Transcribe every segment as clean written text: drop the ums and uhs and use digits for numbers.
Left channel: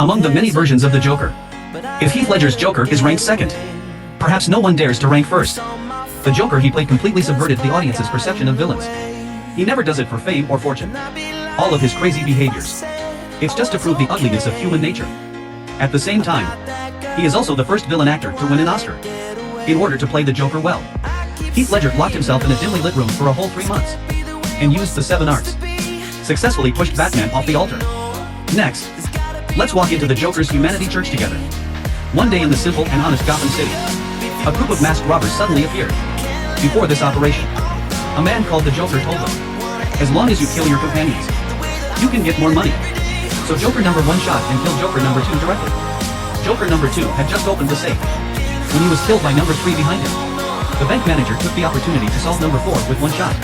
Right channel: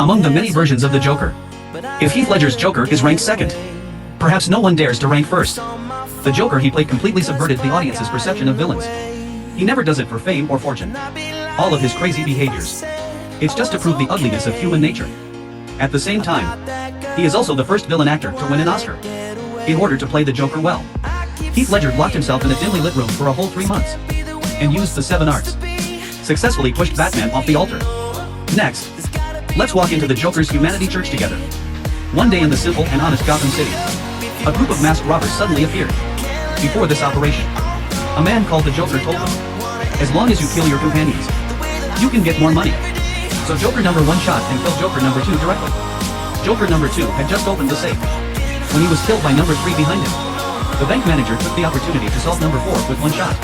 Among the many versions of the Joker, if Heath Ledger's Joker is ranked second, perhaps no one dares to rank first. The Joker he played completely subverted the audience's perception of villains. He never does it for fame or fortune. All of his crazy behaviors, it's just to prove the ugliness of human nature. At the same time, he is also the first villain actor to win an Oscar. In order to play the Joker well, Heath Ledger locked himself in a dimly lit room for a whole 3 months, and used the 7 arts. Successfully pushed Batman off the altar. Next, let's walk into the Joker's Humanity Church together. One day in the simple and honest Gotham City, a group of masked robbers suddenly appeared. Before this operation, a man called the Joker told them, as long as you kill your companions, you can get more money. So Joker number 1 shot and killed Joker number 2 directly. Joker number 2 had just opened the safe when he was killed by number 3 behind him. The bank manager took the opportunity to solve number 4 with 1 shot.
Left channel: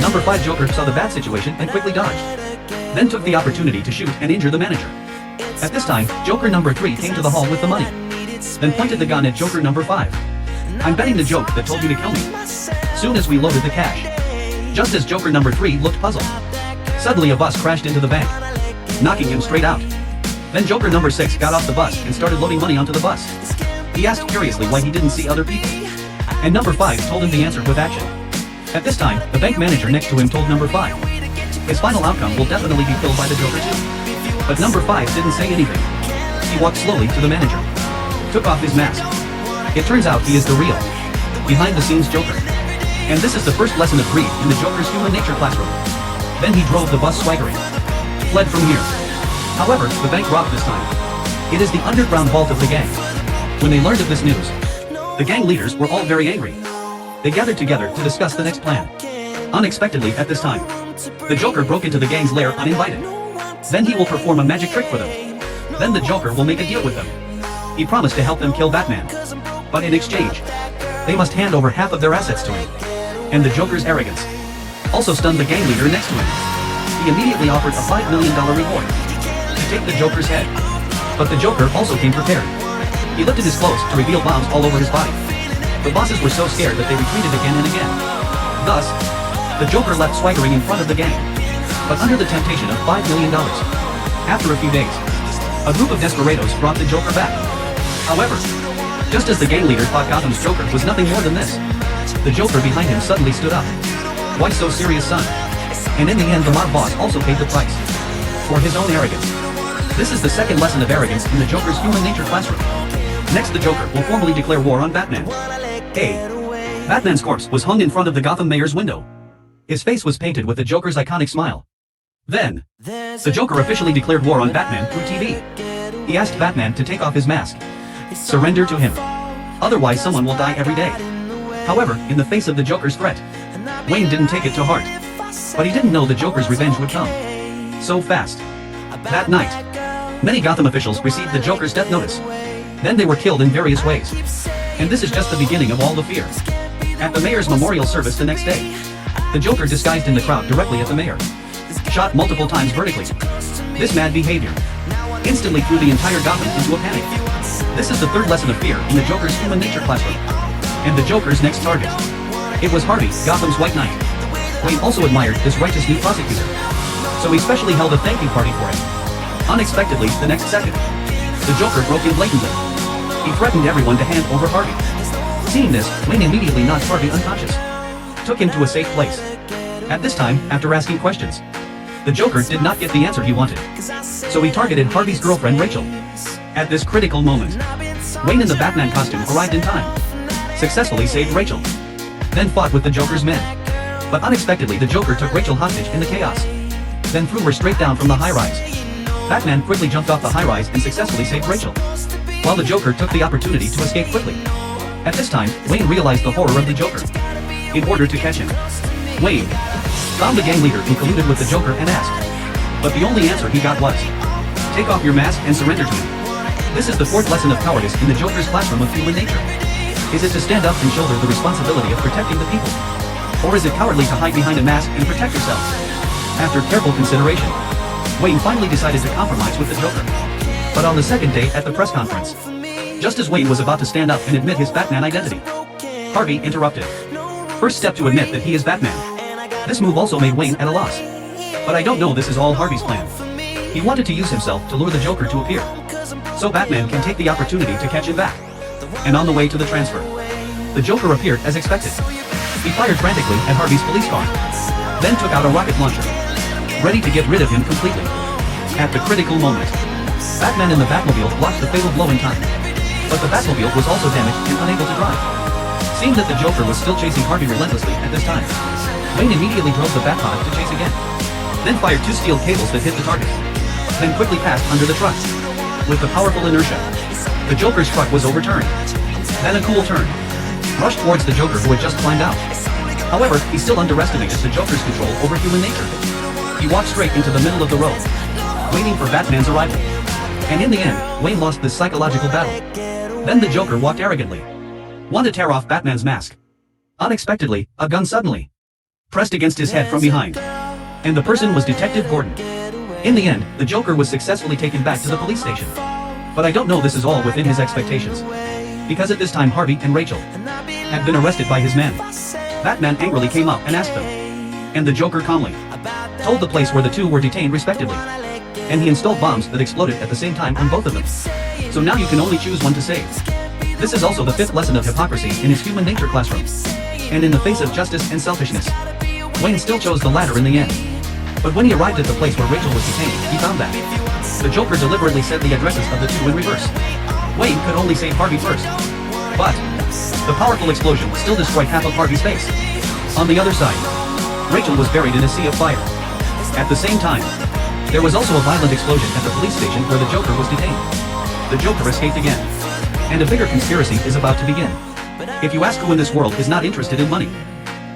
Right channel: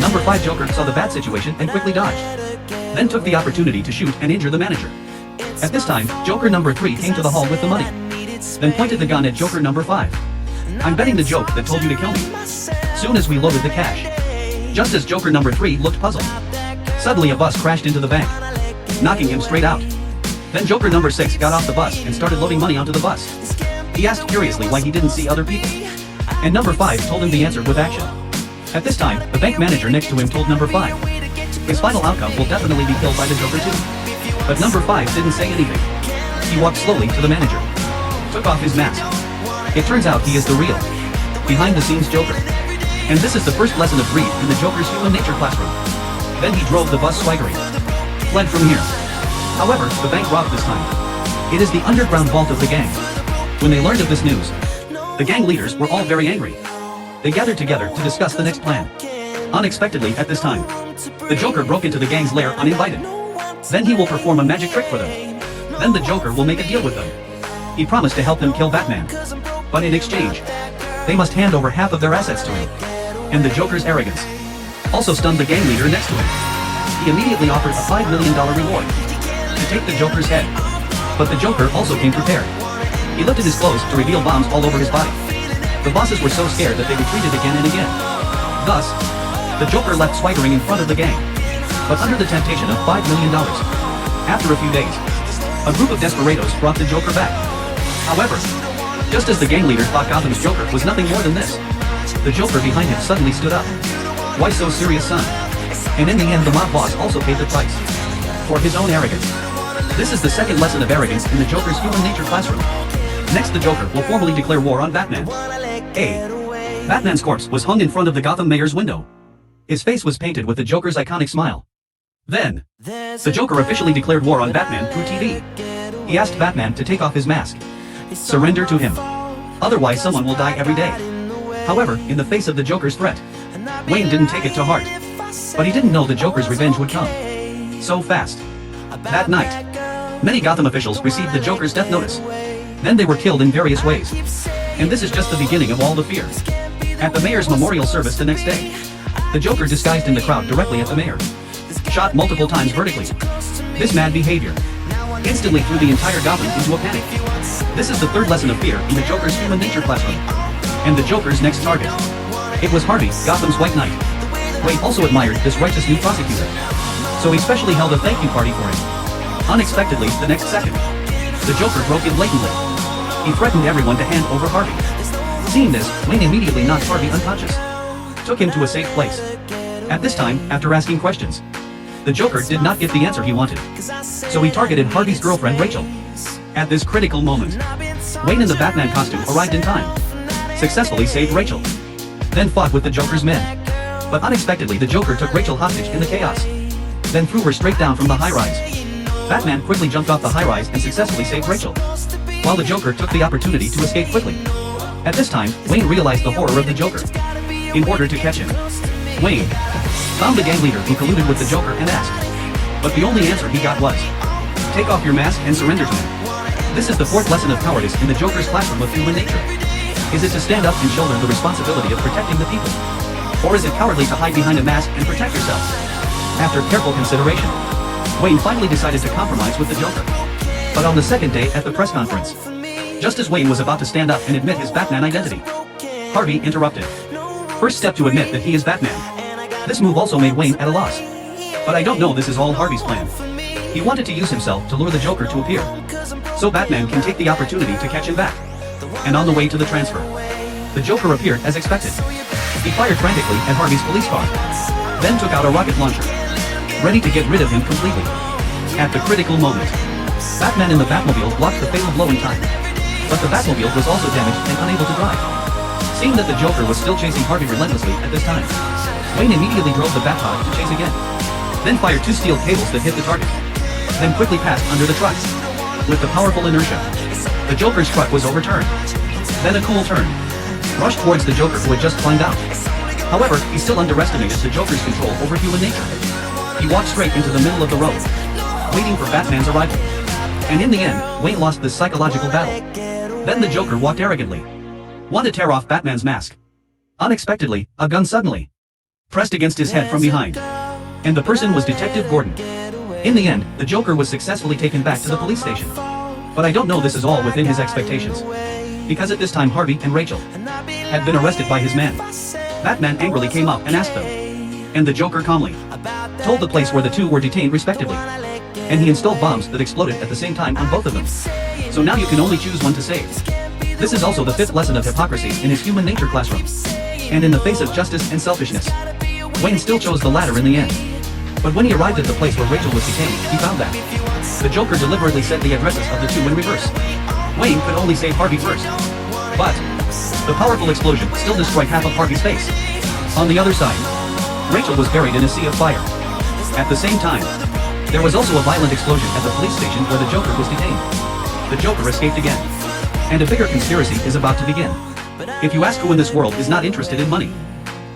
Number 5 Joker saw the bad situation and quickly dodged, then took the opportunity to shoot and injure the manager. At this time, Joker number 3 came to the hall with the money, then pointed the gun at Joker number 5. I'm betting the joke that told you to kill me. Soon as we loaded the cash, just as Joker number 3 looked puzzled, suddenly a bus crashed into the bank, knocking him straight out. Then Joker number 6 got off the bus and started loading money onto the bus. He asked curiously why he didn't see other people, and number 5 told him the answer with action. At this time, the bank manager next to him told number 5, his final outcome will definitely be killed by the Joker too. But number 5 didn't say anything. He walked slowly to the manager, took off his mask. It turns out he is the real, behind-the-scenes Joker. And this is the first lesson of greed in the Joker's human nature classroom. Then he drove the bus swaggering, fled from here. However, the bank robbed this time. It is the underground vault of the gang. When they learned of this news, the gang leaders were all very angry. They gathered together to discuss the next plan. Unexpectedly at this time, the Joker broke into the gang's lair uninvited. Then he will perform a magic trick for them. Then the Joker will make a deal with them. He promised to help them kill Batman, but in exchange, they must hand over half of their assets to him. And the Joker's arrogance also stunned the gang leader next to him. He immediately offered a $5 million reward to take the Joker's head. But the Joker also came prepared. He lifted his clothes to reveal bombs all over his body. The bosses were so scared that they retreated again and again. Thus, the Joker left swaggering in front of the gang, but under the temptation of $5 million. After a few days, a group of desperados brought the Joker back. However, just as the gang leader thought Gotham's Joker was nothing more than this, the Joker behind him suddenly stood up. Why so serious, son? And in the end the mob boss also paid the price for his own arrogance. This is the second lesson of arrogance in the Joker's human nature classroom. Next, the Joker will formally declare war on Batman. A. Batman's corpse was hung in front of the Gotham mayor's window. His face was painted with the Joker's iconic smile. Then, the Joker officially declared war on Batman through TV. He asked Batman to take off his mask. Surrender to him. Otherwise someone will die every day. However, in the face of the Joker's threat, Wayne didn't take it to heart. But he didn't know the Joker's revenge would come so fast. That night, many Gotham officials received the Joker's death notice. Then they were killed in various ways. And this is just the beginning of all the fear. At the mayor's memorial service the next day, the Joker disguised in the crowd directly at the mayor, shot multiple times vertically. This mad behavior instantly threw the entire Gotham into a panic. This is the third lesson of fear in the Joker's human nature classroom. And the Joker's next target, it was Harvey, Gotham's White Knight. Wayne also admired this righteous new prosecutor, so he specially held a thank you party for him. Unexpectedly, the next second, the Joker broke in blatantly. He threatened everyone to hand over Harvey. Seeing this, Wayne immediately knocked Harvey unconscious, took him to a safe place. At this time, after asking questions, the Joker did not get the answer he wanted, so he targeted Harvey's girlfriend Rachel. At this critical moment, Wayne in the Batman costume arrived in time, successfully saved Rachel, then fought with the Joker's men. But unexpectedly the Joker took Rachel hostage in the chaos, then threw her straight down from the high-rise. Batman quickly jumped off the high-rise and successfully saved Rachel, while the Joker took the opportunity to escape quickly. At this time, Wayne realized the horror of the Joker. In order to catch him, Wayne found the gang leader who colluded with the Joker and asked, but the only answer he got was, take off your mask and surrender to him. This is the fourth lesson of cowardice in the Joker's classroom of human nature. Is it to stand up and shoulder the responsibility of protecting the people? Or is it cowardly to hide behind a mask and protect yourself? After careful consideration, Wayne finally decided to compromise with the Joker. But on the second day at the press conference, just as Wayne was about to stand up and admit his Batman identity, Harvey interrupted. First step to admit that he is Batman. This move also made Wayne at a loss. But I don't know, this is all Harvey's plan. He wanted to use himself to lure the Joker to appear, so Batman can take the opportunity to catch him back. And on the way to the transfer, the Joker appeared as expected. He fired frantically at Harvey's police car, then took out a rocket launcher, ready to get rid of him completely. At the critical moment, Batman in the Batmobile blocked the fatal blow in time, but the Batmobile was also damaged and unable to drive. Seeing that the Joker was still chasing Harvey relentlessly at this time, Wayne immediately drove the Batmobile to chase again, then fired two steel cables that hit the target, then quickly passed under the truck. With the powerful inertia, the Joker's truck was overturned. Then a cool turn rushed towards the Joker, who had just climbed out. However, he still underestimated the Joker's control over human nature. He walked straight into the middle of the road, waiting for Batman's arrival. And in the end, Wayne lost this psychological battle. Then the Joker walked arrogantly, wanted to tear off Batman's mask. Unexpectedly, a gun suddenly pressed against his head from behind, and the person was Detective Gordon. In the end, the Joker was successfully taken back to the police station. But I don't know this is all within his expectations, because at this time Harvey and Rachel had been arrested by his man. Batman angrily came up and asked them, and the Joker calmly told the place where the two were detained respectively, and he installed bombs that exploded at the same time on both of them. So now you can only choose one to save. This is also the fifth lesson of hypocrisy in his human nature classroom. And in the face of justice and selfishness, Wayne still chose the latter in the end. But when he arrived at the place where Rachel was detained, he found that the Joker deliberately said the addresses of the two in reverse. Wayne could only save Harvey first, but the powerful explosion still destroyed half of Harvey's face. On the other side, Rachel was buried in a sea of fire. At the same time, there was also a violent explosion at the police station where the Joker was detained. The Joker escaped again, and a bigger conspiracy is about to begin. If you ask who in this world is not interested in money,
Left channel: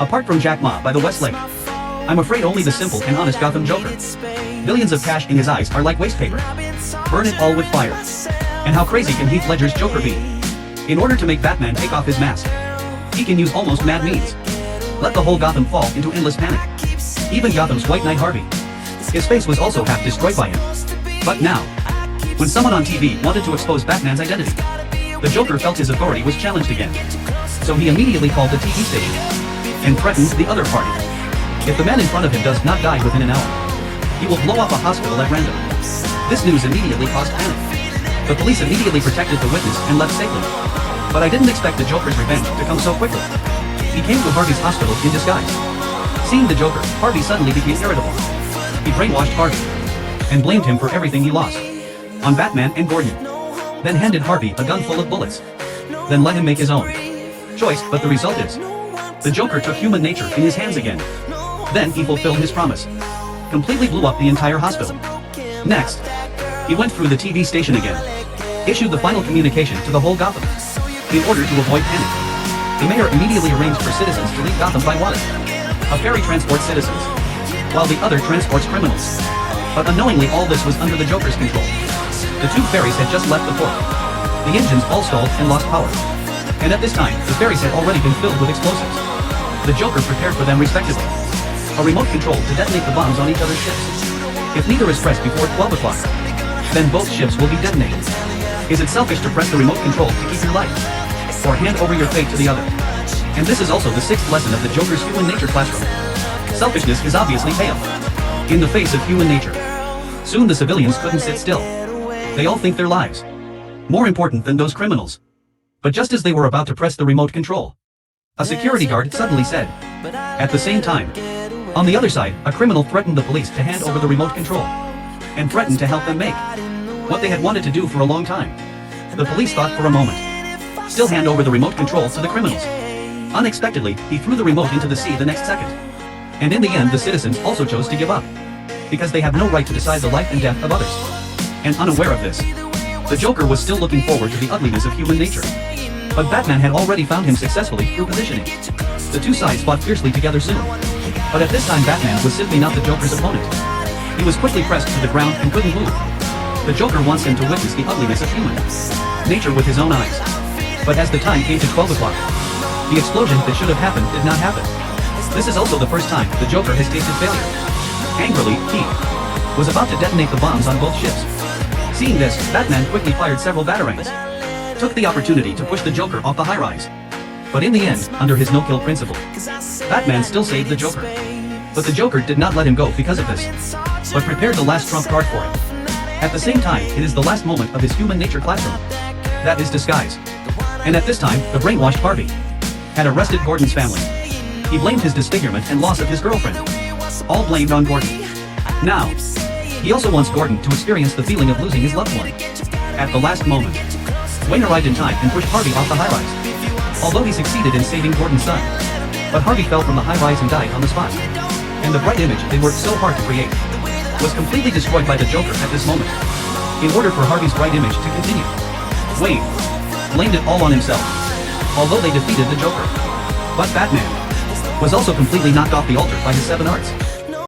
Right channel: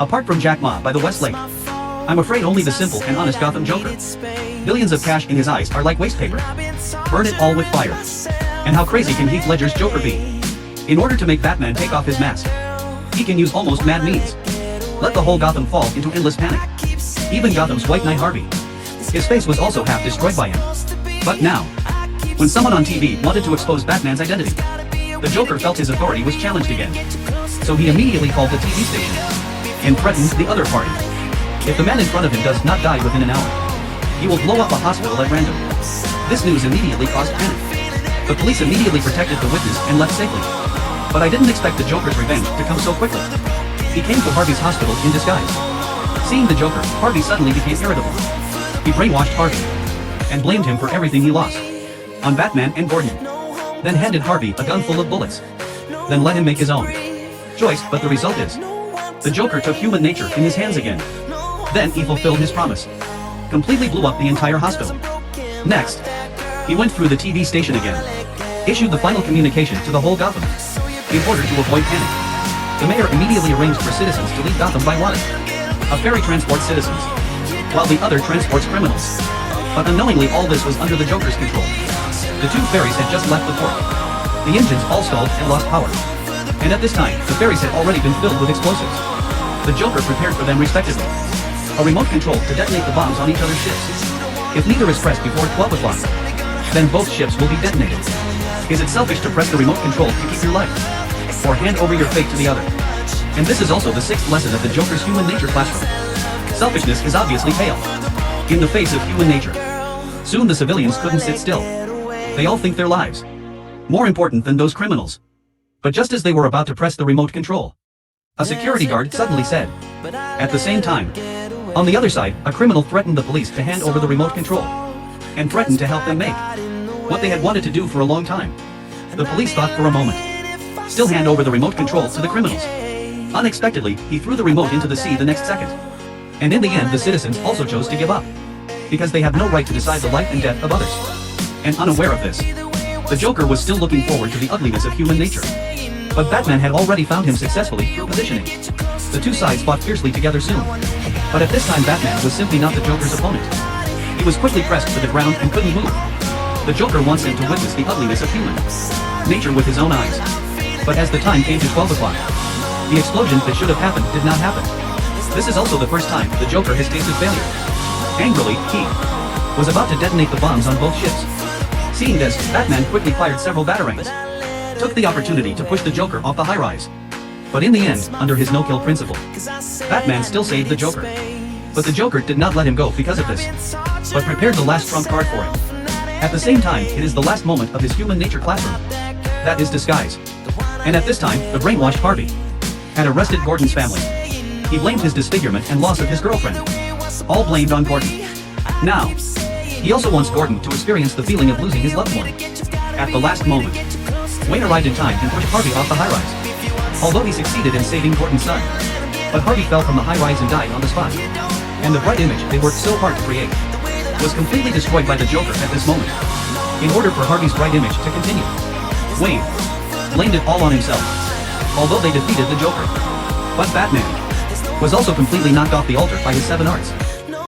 apart from Jack Ma by the West Lake, I'm afraid only the simple and honest Gotham Joker. Billions of cash in his eyes are like waste paper. Burn it all with fire. And how crazy can Heath Ledger's Joker be? In order to make Batman take off his mask, he can use almost mad means. Let the whole Gotham fall into endless panic. Even Gotham's White Knight Harvey. His face was also half destroyed by him. But now, when someone on TV wanted to expose Batman's identity, the Joker felt his authority was challenged again. So he immediately called the TV station and threatened the other party. If the man in front of him does not die within an hour, he will blow up a hospital at random. This news immediately caused panic. The police immediately protected the witness and left safely. But I didn't expect the Joker's revenge to come so quickly. He came to Harvey's hospital in disguise. Seeing the Joker, Harvey suddenly became irritable. He brainwashed Harvey and blamed him for everything he lost on Batman and Gordon. Then handed Harvey a gun full of bullets. Then let him make his own choice, but the result is the Joker took human nature in his hands again. Then he fulfilled his promise. Completely blew up the entire hospital. Next, he went through the TV station again. Issued the final communication to the whole Gotham. In order to avoid panic, the mayor immediately arranged for citizens to leave Gotham by water. A ferry transports citizens, while the other transports criminals. But unknowingly all this was under the Joker's control. The two ferries had just left the port. The engines all stalled and lost power. And at this time, the ferries had already been filled with explosives. The Joker prepared for them respectively. A remote control to detonate the bombs on each other's ships. If neither is pressed before 12 o'clock, then both ships will be detonated. Is it selfish to press the remote control to keep your life, or hand over your fate to the other? And this is also the sixth lesson of the Joker's human nature classroom. Selfishness is obviously pale in the face of human nature. Soon the civilians couldn't sit still. They all think their lives more important than those criminals. But just as they were about to press the remote control, a security guard suddenly said, at the same time, on the other side, a criminal threatened the police to hand over the remote control, and threatened to help them make what they had wanted to do for a long time. The police thought for a moment. Still hand over the remote control to the criminals. Unexpectedly, he threw the remote into the sea the next second. And in the end, the citizens also chose to give up, because they have no right to decide the life and death of others. And unaware of this, the Joker was still looking forward to the ugliness of human nature. But Batman had already found him successfully through positioning. The two sides fought fiercely together soon. But at this time Batman was simply not the Joker's opponent. He was quickly pressed to the ground and couldn't move. The Joker wants him to witness the ugliness of human nature with his own eyes. But as the time came to 12 o'clock, the explosion that should have happened did not happen. This is also the first time the Joker has tasted failure. Angrily, he was about to detonate the bombs on both ships. Seeing this, Batman quickly fired several batarangs, took the opportunity to push the Joker off the high-rise. But in the end, under his no-kill principle, Batman still saved the Joker. But the Joker did not let him go because of this, but prepared the last trump card for him. At the same time, it is the last moment of his human nature classroom. That is disguise. And at this time, the brainwashed Harvey had arrested Gordon's family. He blamed his disfigurement and loss of his girlfriend. All blamed on Gordon. Now, he also wants Gordon to experience the feeling of losing his loved one. At the last moment, Wayne arrived in time and pushed Harvey off the high-rise. Although he succeeded in saving Gordon's son, but Harvey fell from the high-rise and died on the spot. And the bright image they worked so hard to create was completely destroyed by the Joker at this moment. In order for Harvey's bright image to continue, Wayne blamed it all on himself. Although they defeated the Joker, but Batman was also completely knocked off the altar by his 7 arts.